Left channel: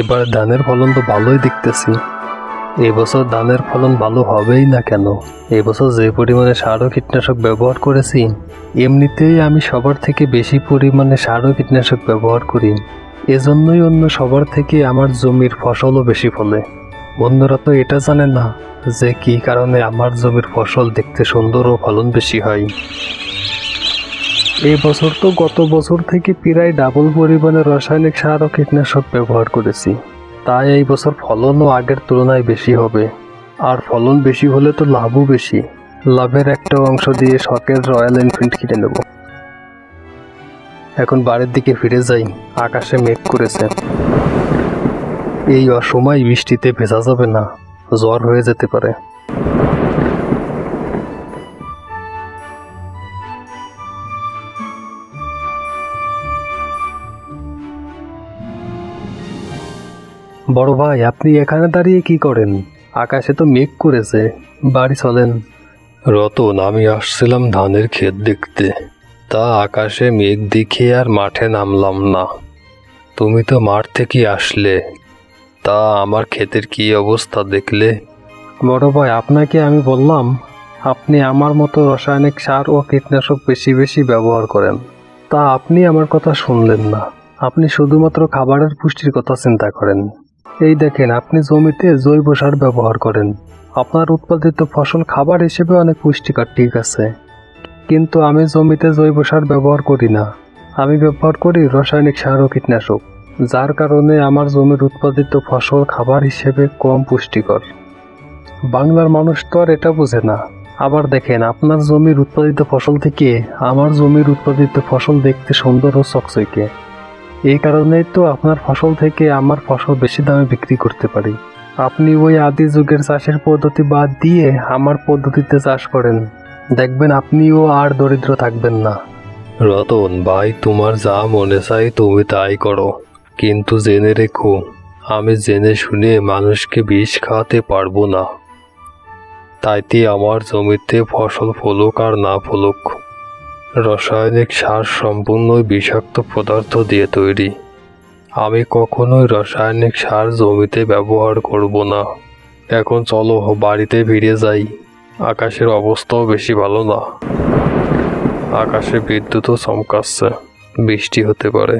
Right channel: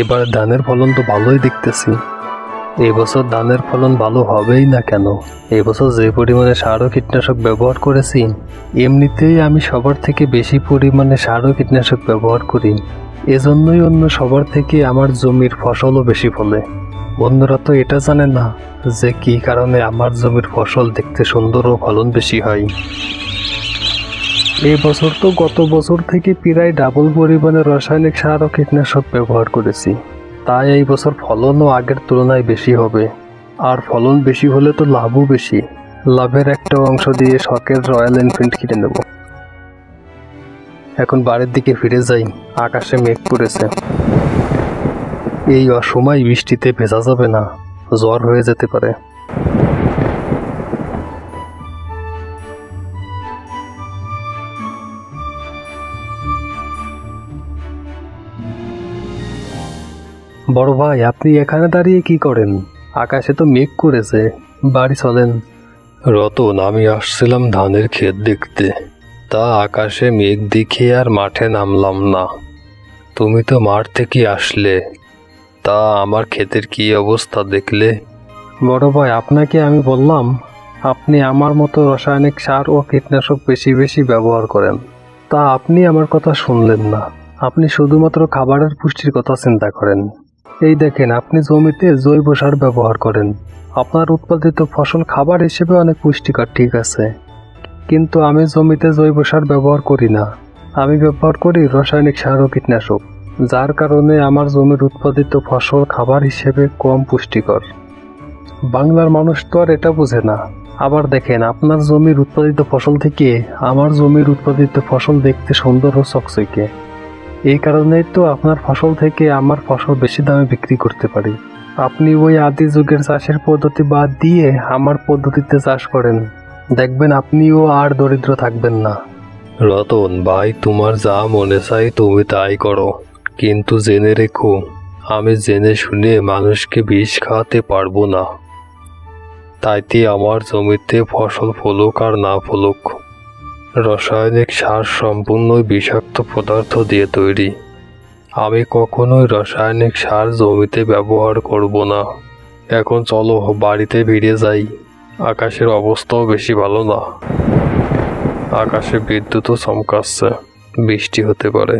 এবার ধানের ফলন তো ভালোই দেখতেছি। এবছর ধানের ফলন ভালো হবেই না কেন? এবছর যে পরিমাণে সার ও কীটনাশক ব্যবহার করেছি, এমনিতেই আমি সবার থেকে বেশি পরিমাণে সার ও কীটনাশক ব্যবহার করি। এজন্যই অন্য সবার থেকে আমার জমির ফসলও বেশি ফলে। অন্যরা তো এটা জানে না যে কি কারণে আমার জমির ফসল দেখতে সুন্দর ও ফলন বেশি হয়। এই বছর তো গত বছর থেকে প্রায় ডাবল পরিমাণে রাসায়নিক সার ও কীটনাশক ব্যবহার করেছি। তাই এই বছর ফলনও আগের তুলনায় বেশি হবে। আর ফলন বেশি হলে তো লাভও বেশি। লাভের একটা অংশ দিয়ে শখের রয়্যাল এনফিল্ড কিনে নেব। এখন বাড়ির দিকে ফিরে যাই। আকাশে মেঘ করেছে। এই অসময় বৃষ্টিতে ভেজা যাবে না, জ্বর হয়ে যেতে পারে। বড় ভাই, আপনি এখানে দাঁড়িয়ে কি করেন? আকাশে তো মেঘ করেছে, বাড়ি চলেন। রতন, আমি আসছিলাম ধানের ক্ষেত দেখতে, তা আকাশে মেঘ দেখে আর মাঠে নামলাম না। তুমি তো মাঠ থেকে আসলে, তা আমার ক্ষেতের কি অবস্থা দেখলে? বড় ভাই, আপনাকে আমি বললাম আপনি আমার মতো রাসায়নিক সার ও কীটনাশক বেশি বেশি ব্যবহার করেন, তা আপনি আমার কথা শুনলেন না। আপনি শুধুমাত্র খাবারের পুষ্টির কথা চিন্তা করেন। এই দেখেন, আপনি জমিতে জৈব সার ব্যবহার করেন। আপনার উৎপাদিত ফসল খাবার হিসেবে অনেক পুষ্টিকর, ঠিক আছে, কিন্তু আমি জমিতে জৈব সার ব্যবহার করি না। আমি ব্যবহার করি রাসায়নিক সার ও কীটনাশক, যার কারণে আমার জমির উৎপাদিত ফসল খাবার হিসেবে কম পুষ্টিকর। বাংলার মানুষ তো আর এটা বোঝে না। আবার দেখেন, আপনার জমির উৎপাদিত ফসল থেকে আমার জমির উৎপাদিত ফসল দেখতে সুন্দর ও চকচকে। এই কারণেই তো আপনার ফসল থেকে আমার ফসল বেশি দামে বিক্রি করতে পারি। আপনি ওই আদি যুগের চাষের পদ্ধতি বাদ দিয়ে আমার পদ্ধতিতে চাষ করেন, দেখবেন আপনিও আর দরিদ্র থাকবেন না। রতন ভাই, তোমার যা মনে চায় তুমি তাই করো, কিন্তু জেনে রেখো, আমি জেনে শুনে মানুষকে বিষ খাওয়াতে পারবো না। তাইতে আমার জমিতে ফসল ফলুক আর না ফলুক, রাসায়নিক সার সম্পূর্ণই বিষাক্ত পদার্থ দিয়ে তৈরি। আমি কখনোই রাসায়নিক সার জমিতে ব্যবহার করব না। এখন চলো বাড়িতে ফিরে যাই। আকাশের অবস্থাও বেশি ভালো না। আকাশে বিদ্যুৎও চমকাচ্ছে, বৃষ্টি হতে পারে।